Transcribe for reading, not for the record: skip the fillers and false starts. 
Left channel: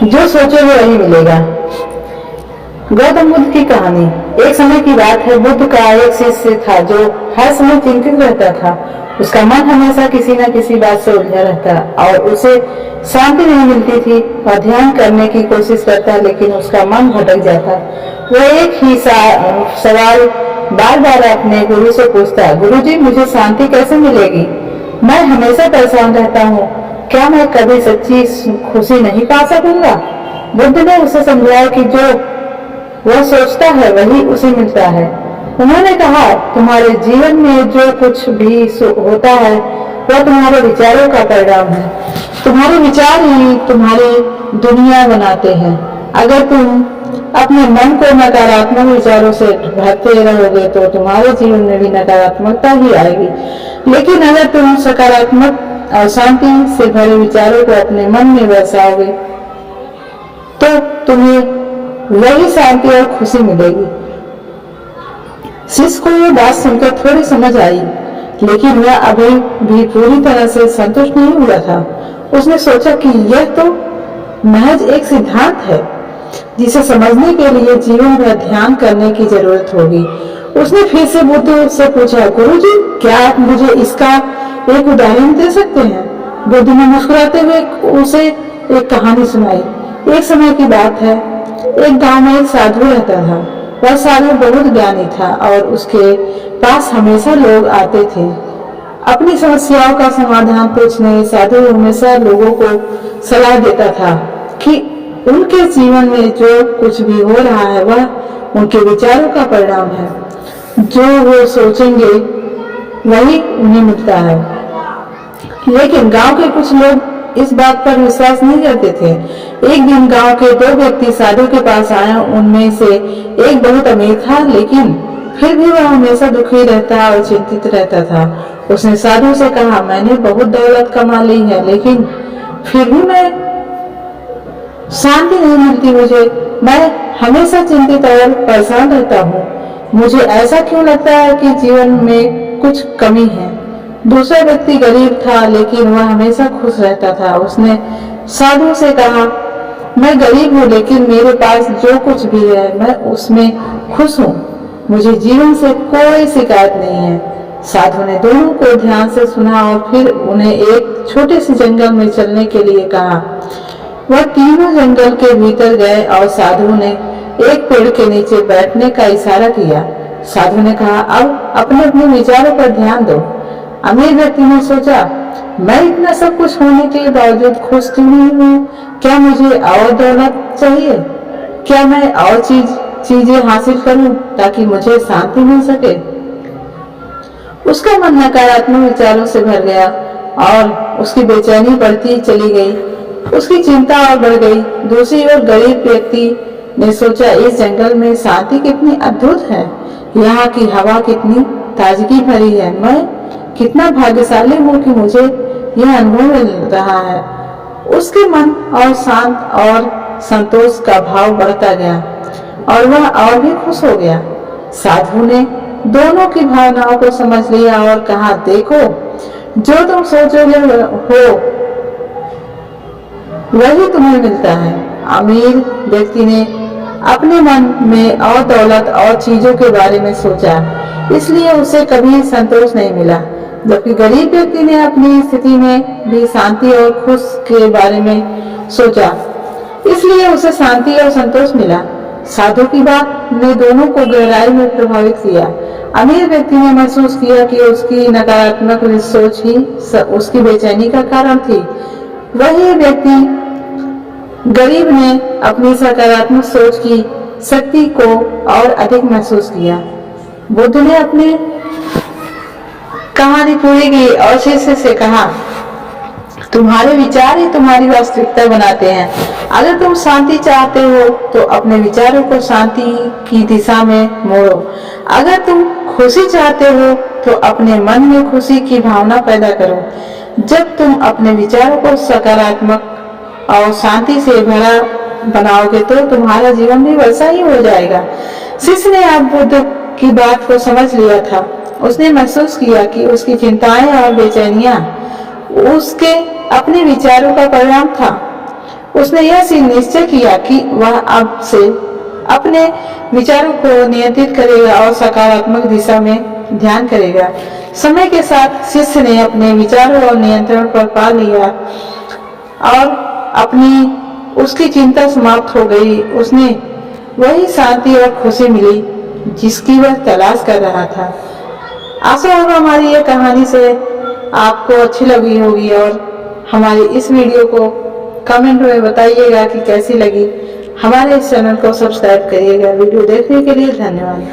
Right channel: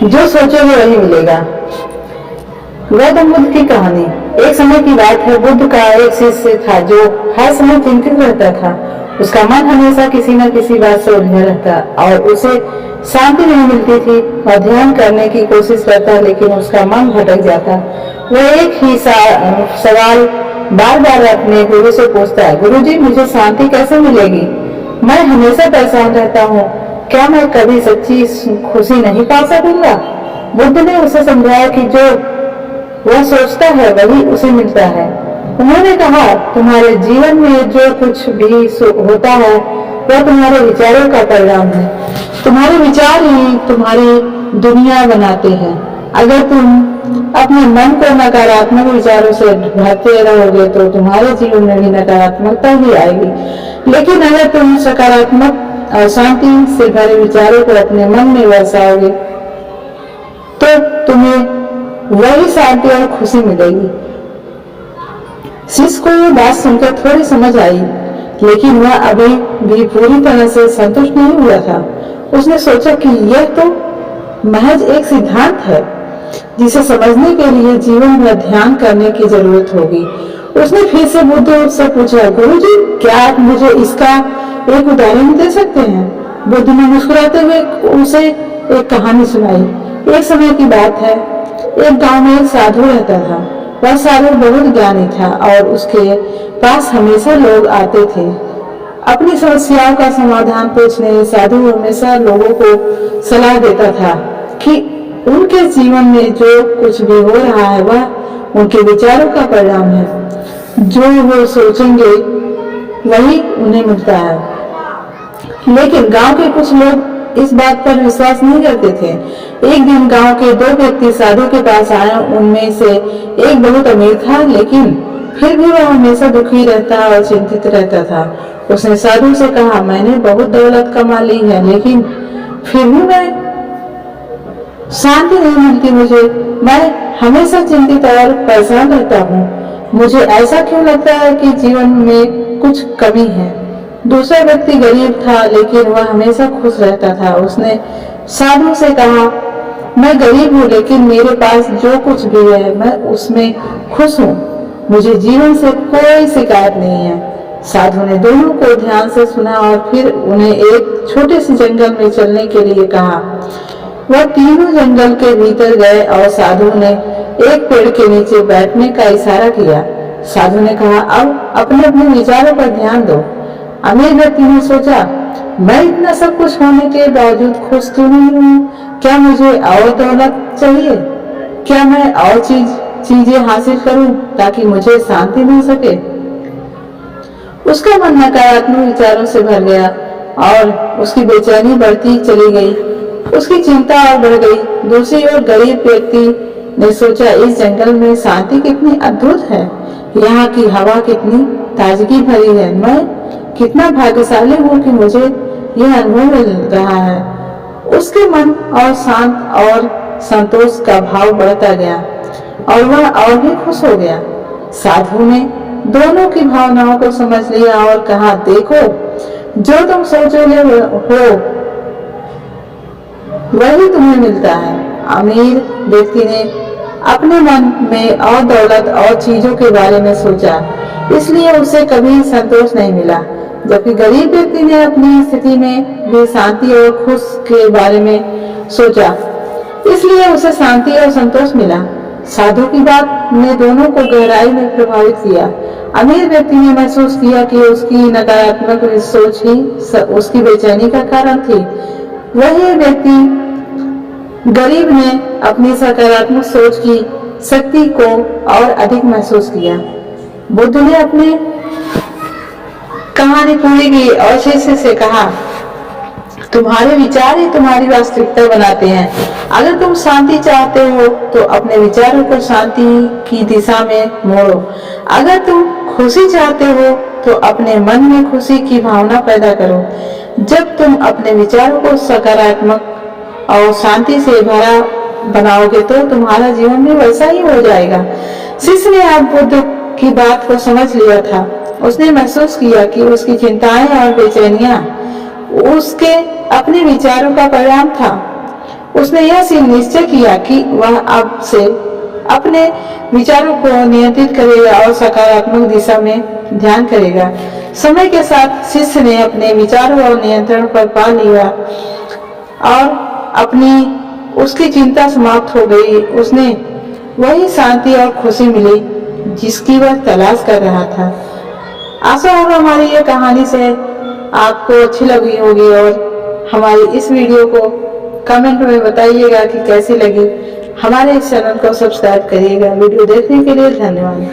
जो सोचोगे वही मिलेगा। गौतम बुद्ध की कहानी। एक समय की बात है, बुद्ध का एक शिष्य था जो हर समय चिंतित रहता था। उसका मन हमेशा किसी न किसी बात से उलझा रहता और उसे शांति नहीं मिलती थी। और ध्यान करने की कोशिश करता लेकिन उसका मन भटक जाता। वह एक ही सवाल बार बार अपने गुरु से पूछता, गुरुजी मुझे शांति कैसे मिलेगी? मैं हमेशा परेशान रहता हूँ, क्या मैं कभी सच्ची खुशी नहीं पा सकूंगा? बुद्ध ने उसे समझाया कि जो वह सोचता है वही उसे मिलता है। उन्होंने कहा, तुम्हारे जीवन में जो कुछ भी होता है वह तुम्हारे विचारों का परिणाम है। तुम्हारे विचार ही तुम्हारी दुनिया बनाते हैं। अगर तुम अपने मन को नकारात्मक विचारों से भरते रहोगे तो तुम्हारे जीवन में भी नकारात्मकता ही आएगी। लेकिन अगर तुम सकारात्मक और शांति से भरे विचारों को अपने मन में बरसाओगे तो तुम्हें वही शांति और खुशी मिलेगी। शिष्य को यह बात सुनकर थोड़ी समझ आई, लेकिन वह अभी भी पूरी तरह से संतुष्ट नहीं हुआ था। उसने सोचा कि यह तो महज एक सिद्धांत है जिसे समझने के लिए जीवन भर ध्यान करने की जरूरत होगी। उसने फिर से बुद्ध से पूछा, गुरुजी क्या आप मुझे इसका एक उदाहरण दे सकते हैं? बुद्ध ने मुस्कुराते हुए उसे एक कहानी सुनाई। एक समय की बात है, एक गांव में एक साधु रहता था। वह साधु बहुत ज्ञानी था और उसके पास हमेशा लोग आते थे अपनी समस्याओं का समाधान पूछने। साधु हमेशा लोगों को सलाह देता था कि उनके जीवन में जो कुछ भी हो रहा है वह उनके विचारों का परिणाम है। जो वो सोचेंगे वही उन्हें मिलता है। लेकिन गांव के कुछ लोग इस बात पर विश्वास नहीं करते थे। एक दिन गांव के दो व्यक्ति साधु के पास आए। उनमें से एक बहुत अमीर था, लेकिन फिर भी वह हमेशा दुखी रहता और चिंतित रहता था। उसने साधु से कहा, मैंने बहुत दौलत कमा ली है, लेकिन फिर भी मैं शांति नहीं मिलती मुझे। मैं हमेशा चिंतित और परेशान रहता हूँ। मुझे ऐसा क्यों लगता है कि जीवन में कुछ कमी है? दूसरा व्यक्ति गरीब था, लेकिन वह हमेशा खुश रहता था। उसने साधु से कहा, मैं गरीब हूँ, लेकिन मेरे पास जो कुछ भी है मैं उसमें खुश हूँ। मुझे जीवन से कोई शिकायत नहीं है। साधु ने दोनों को ध्यान से सुना और फिर उन्हें एक छोटे से जंगल में चलने के लिए कहा। वह तीनों जंगल के भीतर गए और साधु ने एक पेड़ के नीचे बैठने का इशारा किया। साधु ने कहा, अब अपने अपने विचारों पर ध्यान दो। अमीर व्यक्ति ने सोचा, मैं इतना सब कुछ होने के बावजूद खुश क्यों नहीं हूँ? क्या मुझे और दौलत चाहिए? क्या मैं और चीजें हासिल करूं ताकि मुझे शांति मिल सके? उसका मन नकारात्मक विचारों से भर गया और उसकी बेचैनी बढ़ती चली गई। उसकी चिंता और बढ़ गई। दूसरी ओर गरीब व्यक्ति ने सोचा, इस जंगल में शांति कितनी अद्भुत है। यहाँ की हवा कितनी ताजगी भरी है। मैं कितना भाग्यशाली हूँ कि मुझे यह अनुभव मिल रहा है। उसके मन और शांत और संतोष का भाव बढ़ता गया और वह और भी खुश हो गया। साधु ने दोनों की भावनाओं को समझ लिया और कहा, देखो, जो तुम सोचोगे हो वही तुम्हें मिलता है। अमीर व्यक्ति ने अपने मन में और दौलत और चीजों के बारे में सोचा, इसलिए उसे कभी संतोष नहीं मिला। जबकि गरीब व्यक्ति ने अपनी स्थिति में भी शांति और खुश के बारे में सोचा, इसलिए उसे शांति और संतोष मिला। साधु की बात ने दोनों को गहराई में प्रभावित किया। अमीर व्यक्ति ने महसूस किया कि उसकी नकारात्मक सोच ही उसकी बेचैनी का कारण थी। वही व्यक्ति गरीब ने अपनी सकारात्मक सोच की शक्ति को और अधिक महसूस किया। बुद्ध ने अपनी कहानी पूरी की और शिष्य से कहा, तुम्हारे विचार ही तुम्हारी वास्तविकता बनाते हैं। अगर तुम शांति चाहते हो तो अपने विचारों को शांति की दिशा में मोड़ो। अगर तुम खुशी चाहते हो तो अपने मन में खुशी की भावना पैदा करो। जब तुम अपने विचारों को सकारात्मक और शांति से भरा बनाओगे तो तुम्हारा जीवन भी वैसा ही हो जाएगा। शिष्य ने अब बुद्ध की बात को समझ लिया था। उसने महसूस किया कि उसकी चिंताएं और बेचैनियां उसके अपने विचारों का परिणाम था। उसने यह निश्चय किया कि वह अब से अपने विचारों को नियंत्रित करेगा और सकारात्मक दिशा में ध्यान करेगा। समय के साथ शिष्य ने अपने विचारों और नियंत्रण पर पा लिया और उसकी चिंता समाप्त हो गई। उसने वही शांति और खुशी मिली जिसकी वह तलाश कर रहा था। आशा होगा हमारी ये कहानी से आपको अच्छी लगी होगी और हमारी इस वीडियो को कमेंट में बताइएगा कि कैसी लगी। हमारे इस चैनल को सब्सक्राइब करिएगा। वीडियो देखने के लिए धन्यवाद।